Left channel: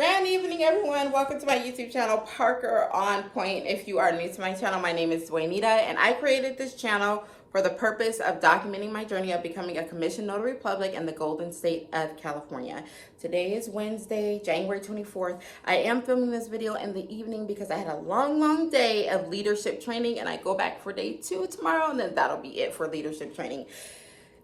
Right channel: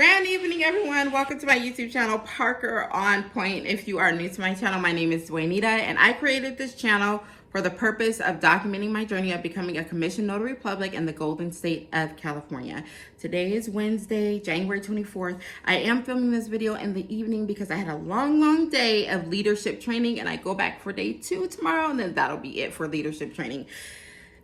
Grand evening, everyone. Welcome to my YouTube channel, Parker On Point. If you are new to my channel, my name is Dwaynita, and I created this channel for the purpose of documenting my journey of becoming a commissioned notary public in the Golden State of California. Today is Wednesday, January 24th. I am filming this video in the evening because I had a long day of leadership training, and I go back for day 2 tomorrow, and then that'll be it for leadership training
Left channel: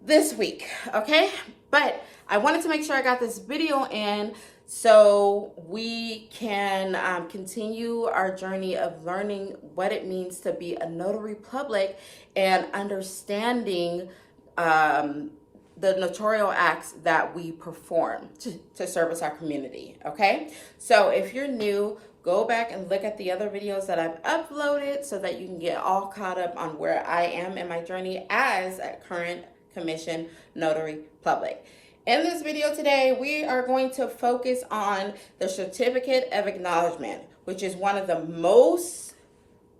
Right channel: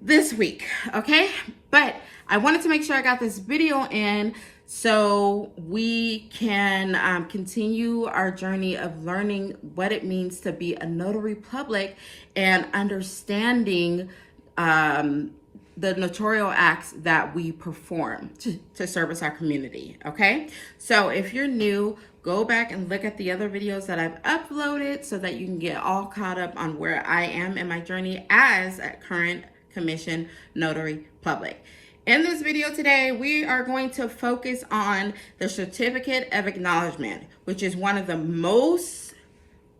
this week, okay? But I wanted to make sure I got this video in so we can continue our journey of learning what it means to be a notary public and understanding the notarial acts that we perform to service our community, okay? So if you're new, go back and look at the other videos that I've uploaded so that you can get all caught up on where I am in my journey as a current commissioned notary public. In this video today, we are going to focus on the Certificate of Acknowledgement, which is one of the most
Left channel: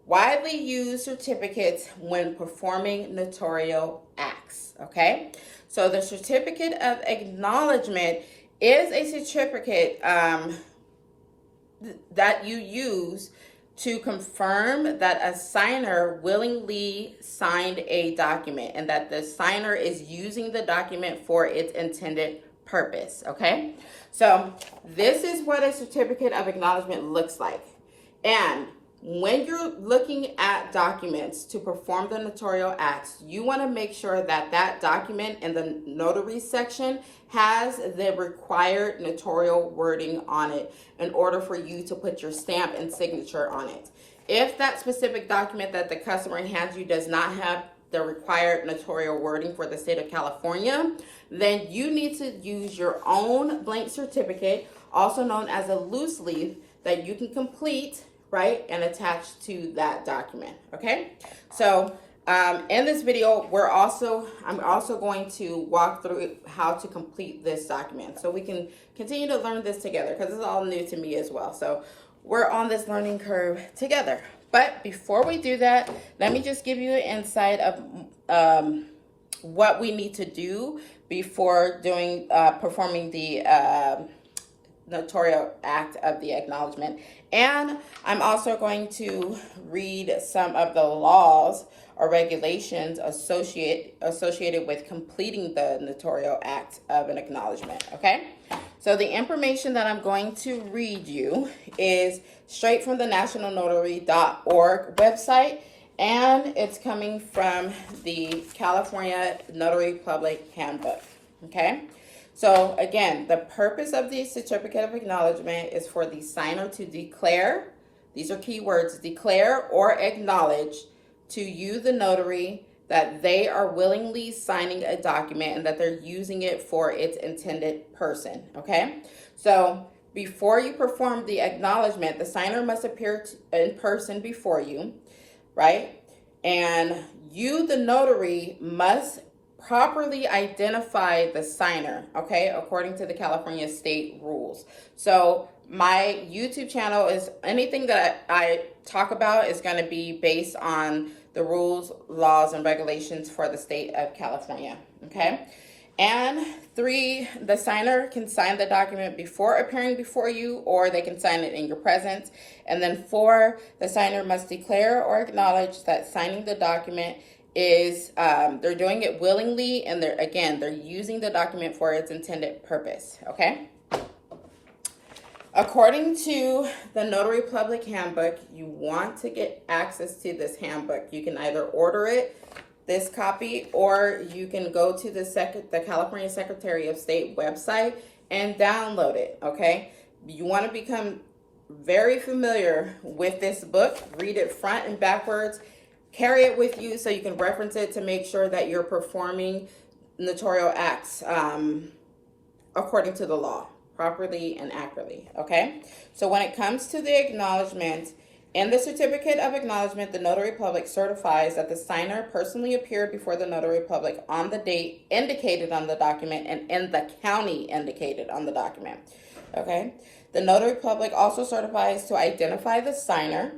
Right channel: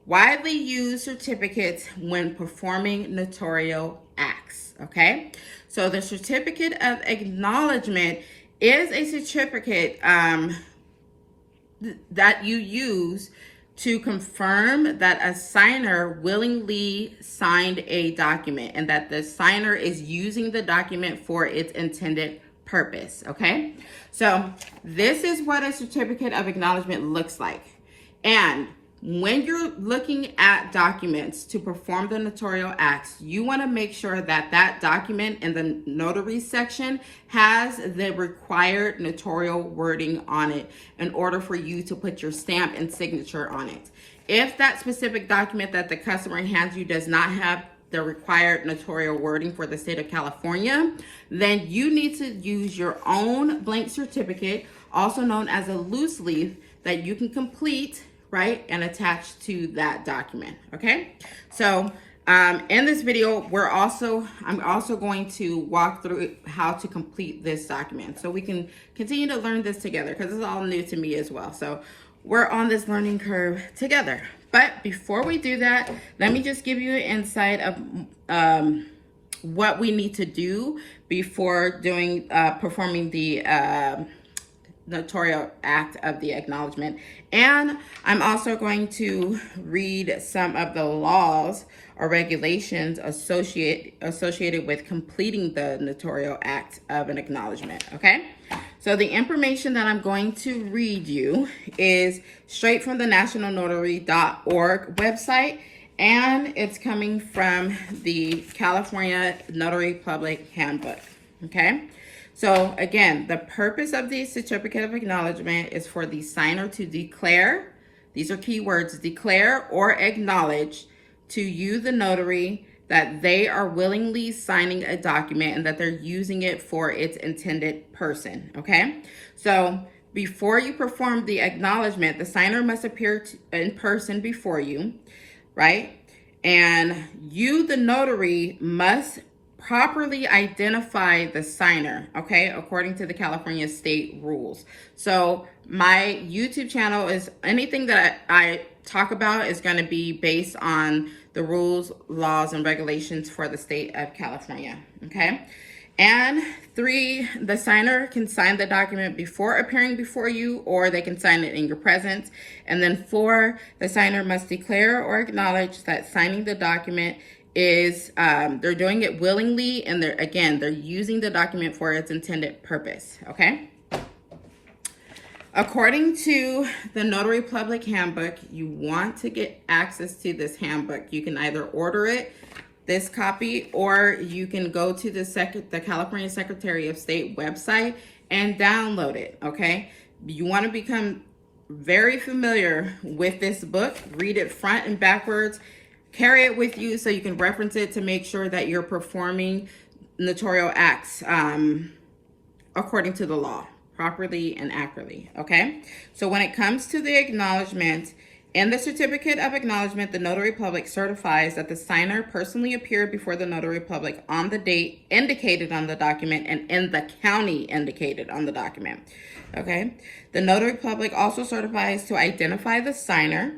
widely used certificates when performing notarial acts, okay? So the Certificate of Acknowledgement is a certificate that you use to confirm that a signer willingly signed a document and that the signer is using the document for its intended purpose, okay? So this is what a certificate of acknowledgement looks like. And when you're looking at documents to perform the notarial acts, you want to make sure that that document in the notary section has the required notarial wording on it in order for you to put your stamp and signature on it. If that specific document that the customer hands you does not have the required notarial wording for the state of California, then you need to use your own blank certificate, also known as a loose leaf, that you can complete, right, and attach to that document, okay? So in this video, I'm also going to walk through how to complete this document so we can continue to learn this together because it's all new to me as well. So we're on this learning curve together. But before we do that, let me just give you an insight of what we need to do before performing the notarial act of the acknowledgement. And I'm also going to read some of the laws or regulations associated with completing the notarial act of an acknowledgement, okay? So the information that I'm going to read you is straight from the nationalnotary.org website, and it's coming from the California Notary Public Handbook, okay? So again, the purpose of the Certificate of Acknowledgement is for the signer to declare, these are key words, declare or acknowledge to you, the notary, that they are willingly signing a document and that they're using it for its intended person, okay? So before you perform the acknowledgement, the signer must appear in person before you, right? And you, the notary, must properly identify the signer, okay, according to the California state rules. So my YouTube channel is anything that I talk about is going to be based on the rules, laws, and regulations for the state of California, okay? And 3, the signer can sign the document before appearing before you, or they can sign it in your presence. And then 4, the signer must declare or acknowledge that signing the document is, they're doing it willingly, and they're using the document for its intended purpose, okay? According to the Notary Public Handbook, you want to get access to this handbook. You can either order it, this copy, or you can go to the California Secretary of State website and download it, okay? You want to become very familiar with this book, read it front and backwards, carry it with you so you can reference it to make sure that you're performing notarial acts according to the law, properly and accurately, okay? So when it comes to the acknowledgement, in the Certificate of Acknowledgement, the Notary Public certifies that the signer personally appeared before the Notary Public on the date indicated on the document and in the county indicated on the document, okay? The Notary Public also certifies to identify the signer,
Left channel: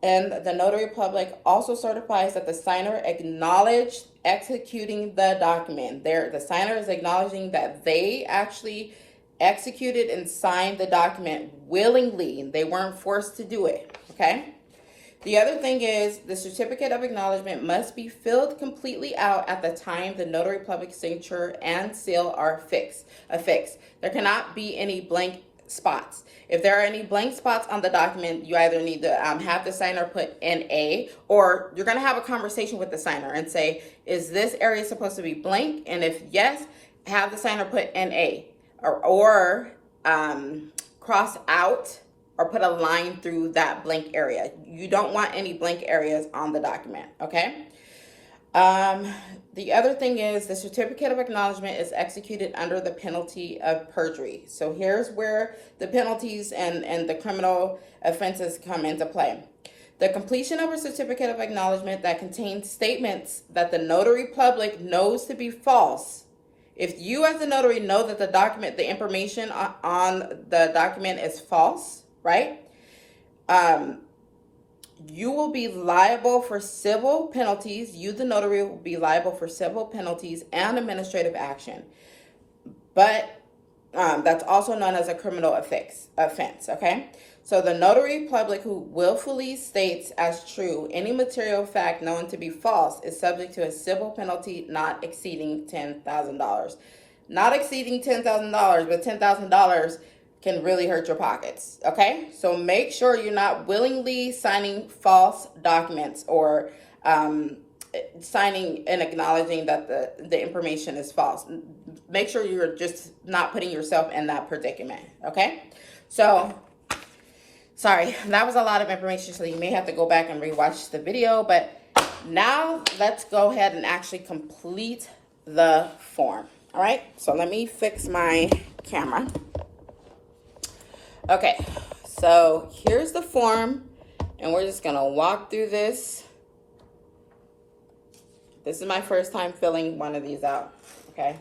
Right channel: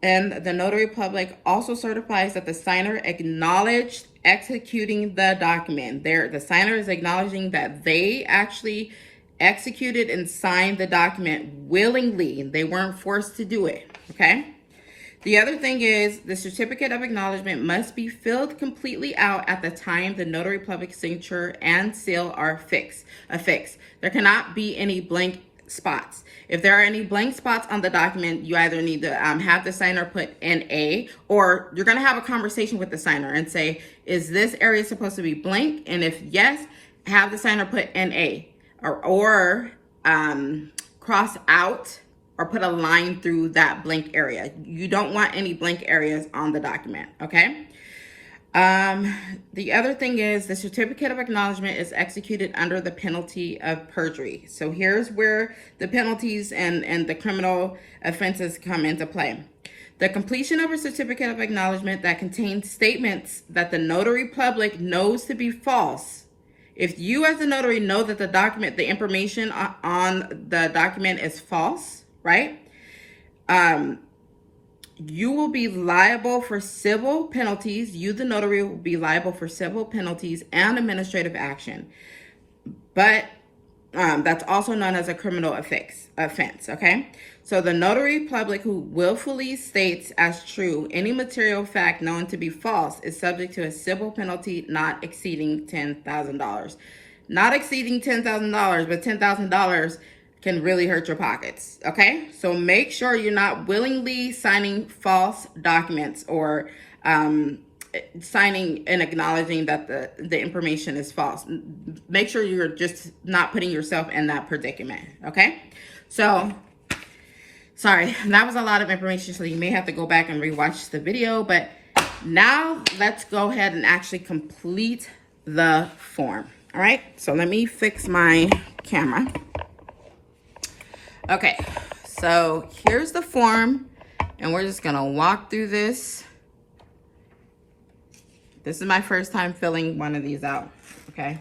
and the Notary Public also certifies that the signer acknowledged executing the document. The signer is acknowledging that they actually executed and signed the document willingly. They weren't forced to do it, okay? The other thing is the certificate of acknowledgement must be filled completely out at the time the notary public signature and seal are affixed. There cannot be any blank spots. If there are any blank spots on the document, you either need to have the signer put NA, or you're going to have a conversation with the signer and say, is this area supposed to be blank? And if yes, have the signer put NA, or cross out or put a line through that blank area. You don't want any blank areas on the document, okay? The other thing is the certificate of acknowledgement is executed under the penalty of perjury. So here's where the penalties and the criminal offenses come into play. The completion of a certificate of acknowledgement that contains statements that the notary public knows to be false. If you as a notary know that the information on the document is false, right? You will be liable for civil penalties. You, the notary, will be liable for civil penalties and administrative action. But that's also known as a criminal offense, okay? So the notary public who willfully states as true any material fact known to be false is subject to a civil penalty not exceeding $10,000. Not exceeding $10,000, but $10,000 can really hurt your pockets, okay? So make sure you're not willingly signing false documents or signing and acknowledging that the information is false. Make sure you're just not putting yourself in that predicament, okay? So, sorry, that was a lot of information, so you may have to go back and rewatch the video, but now let's go ahead and actually complete the form, all right? So let me fix my camera. Okay, so here's the form, and we're just gonna walk through this. This is my first time filling one of these out, okay?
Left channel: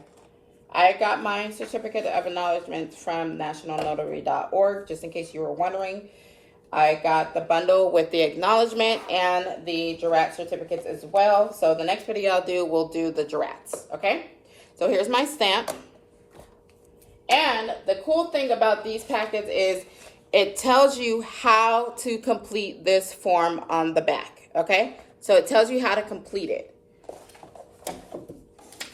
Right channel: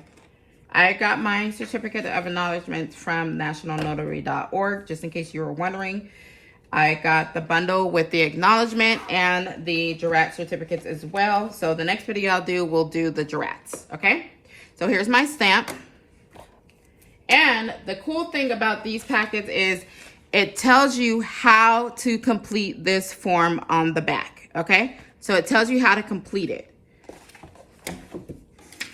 I got my certificate of acknowledgement from nationalnotary.org, just in case you were wondering. I got the bundle with the acknowledgement and the jurat certificates as well. So the next video I'll do, we'll do the jurats, okay? So here's my stamp. And the cool thing about these packets is it tells you how to complete this form on the back, okay? So it tells you how to complete it.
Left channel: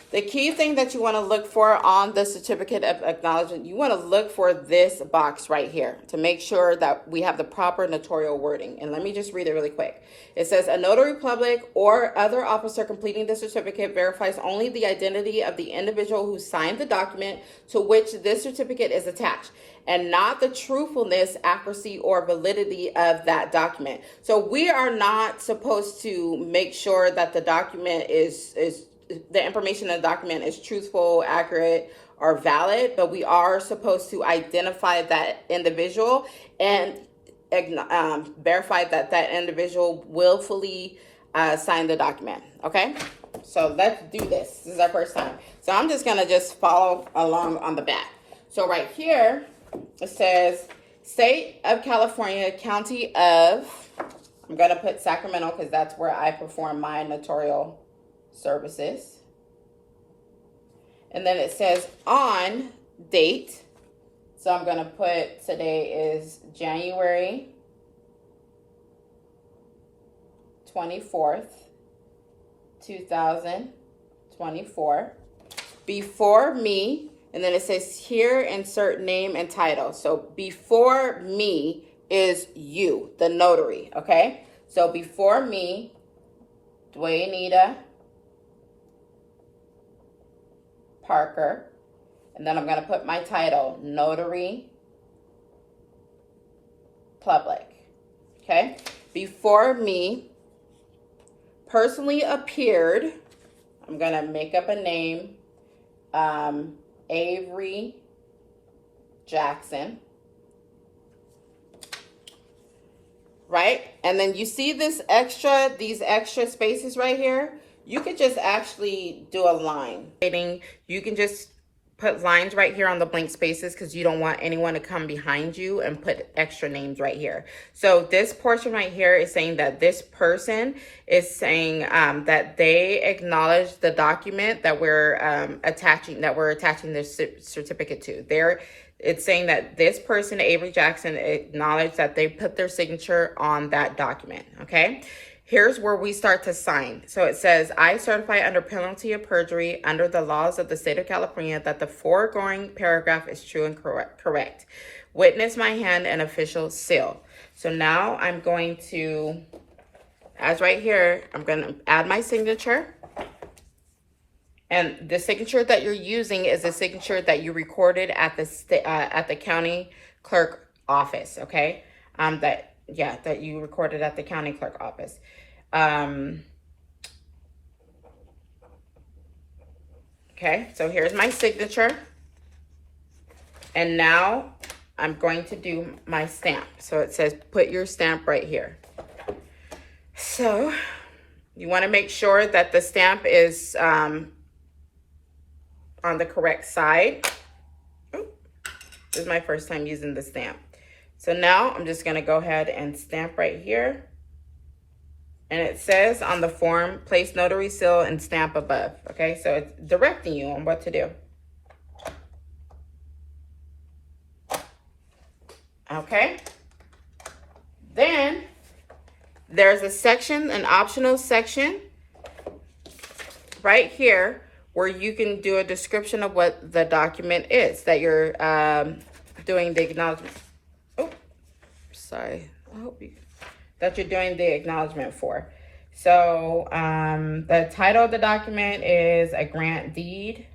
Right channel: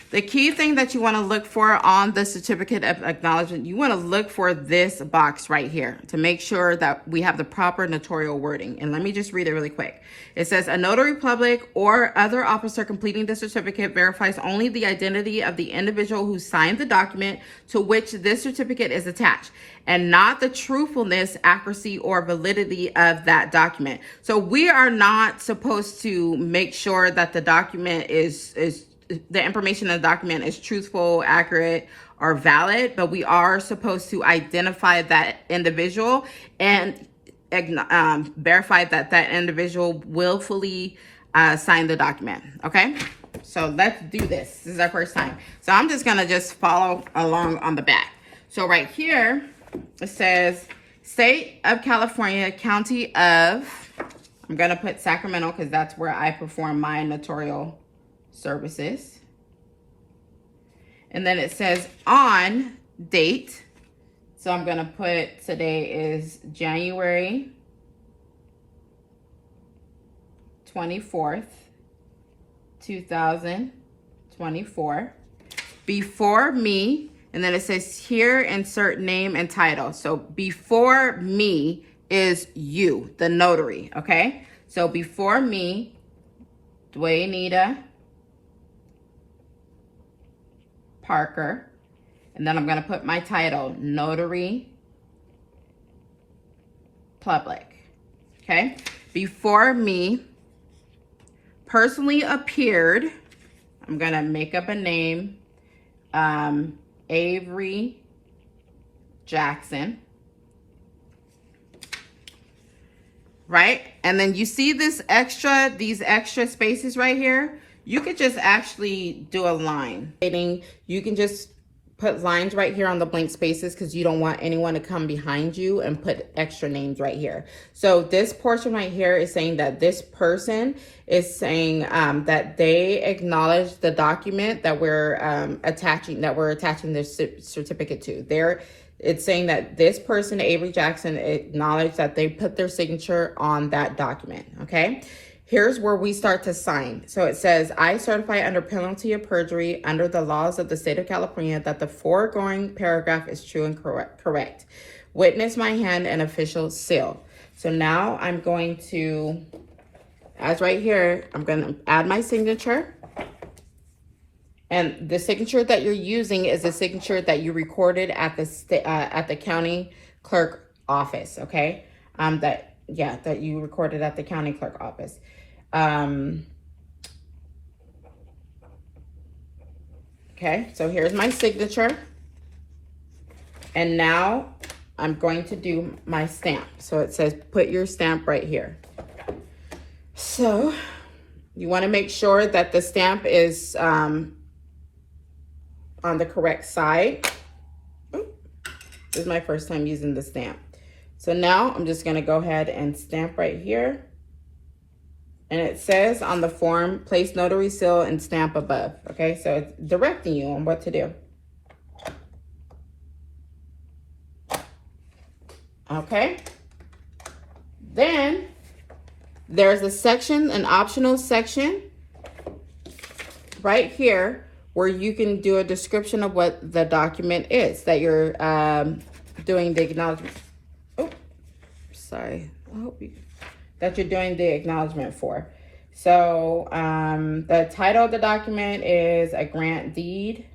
The key thing that you want to look for on the certificate of acknowledgement, you want to look for this box right here to make sure that we have the proper notarial wording. And let me just read it really quick. It says, a notary public or other officer completing the certificate verifies only the identity of the individual who signed the document to which this certificate is attached, and not the truthfulness, accuracy, or validity of that document. So we are not supposed to make sure that the document the information in the document is truthful, accurate, or valid, but we are supposed to identify that individual and verify that that individual willfully signed the document, okay? So let's do this. This is our first time. So I'm just gonna follow along on the back. So right here, it says, State of California, County of, I'm gonna put Sacramento because that's where I perform my notarial services. And then it says on date. So I'm gonna put today is January 24th, 2024. Before me, and then it says here insert name and title. So before me is you, the notary, okay? So before me, Dwaynita Parker, and then I'm going to put my title, Notary Public, okay? Before me, personally appeared, I'm going to make up a name, Avery Jackson, right? And then you see these extra spaces right here? You could just actually do a line. You can just put lines right here on the blank spaces because you don't want anyone to come behind you and put extra names right here. So this portion right here is saying that this person is saying that they acknowledge the document that we're attaching this certificate to. it's saying that this person, Avery Jackson, acknowledged that they put their signature on that document, okay? Here's where we start to sign. So it says, I certify under penalty of perjury under the laws of the state of California that the foregoing paragraph is true and correct. Witness my hand and official seal. So now I'm going to, as right here, I'm going to add my signature. And the signature that you're using is the signature that you recorded at the county clerk office, okay? That you recorded at the county clerk office. Okay, so here's my signature. And now I'm going to do my stamp. So it says put your stamp right here. So you want to make sure that the stamp is on the correct side. This is my first time using the stamp. So now I'm just going to go ahead and stamp right here. And it says on the form, place notary seal and stamp above. Okay, so it's directing you on what to do. Okay. Then there's a section, an optional section right here where you can do a description of what the document is that you're doing the acknowledgement. Oh, sorry. I hope that you're doing the acknowledgement for. So the title of the document is a grant deed.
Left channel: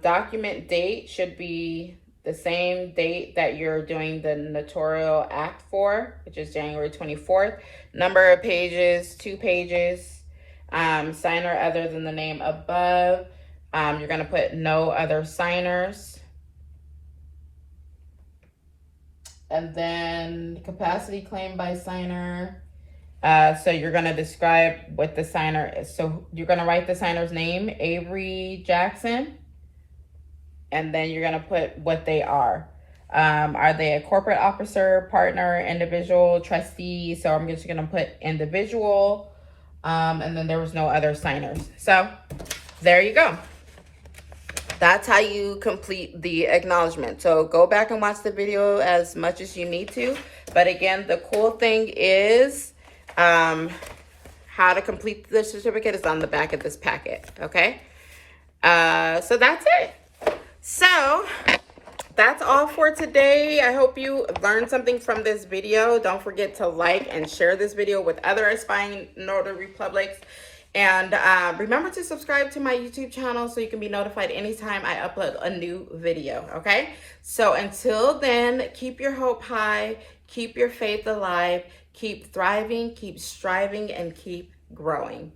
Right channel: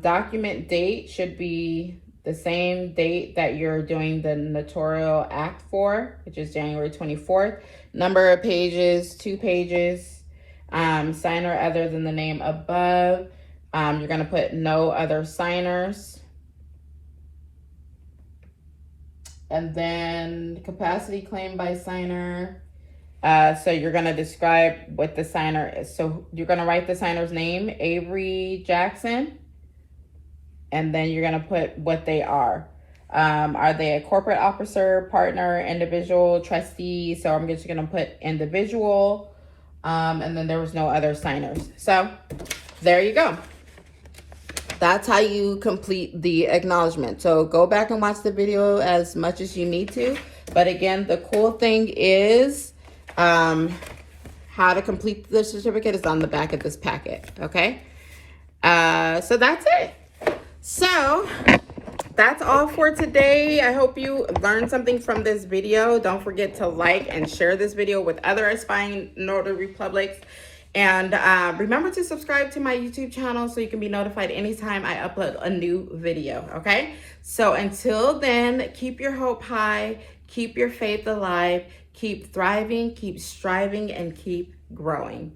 Document date should be the same date that you're doing the notarial act for, which is January 24th. Number of pages, 2 pages. Signer other than the name above. You're going to put no other signers. And then capacity claim by signer. So you're going to describe what the signer is. So you're going to write the signer's name, Avery Jackson. And then you're going to put what they are. Are they a corporate officer, partner, individual, trustee? So I'm just going to put individual. And then there was no other signers. So there you go. That's how you complete the acknowledgement. So go back and watch the video as much as you need to. But again, the cool thing is how to complete the certificate is on the back of this packet, okay? So that's it. So that's all for today. I hope you learned something from this video. Don't forget to like and share this video with other aspiring notary republics. And remember to subscribe to my YouTube channel so you can be notified anytime I upload a new video, okay? So until then, keep your hope high, keep your faith alive, keep thriving, keep striving, and keep growing.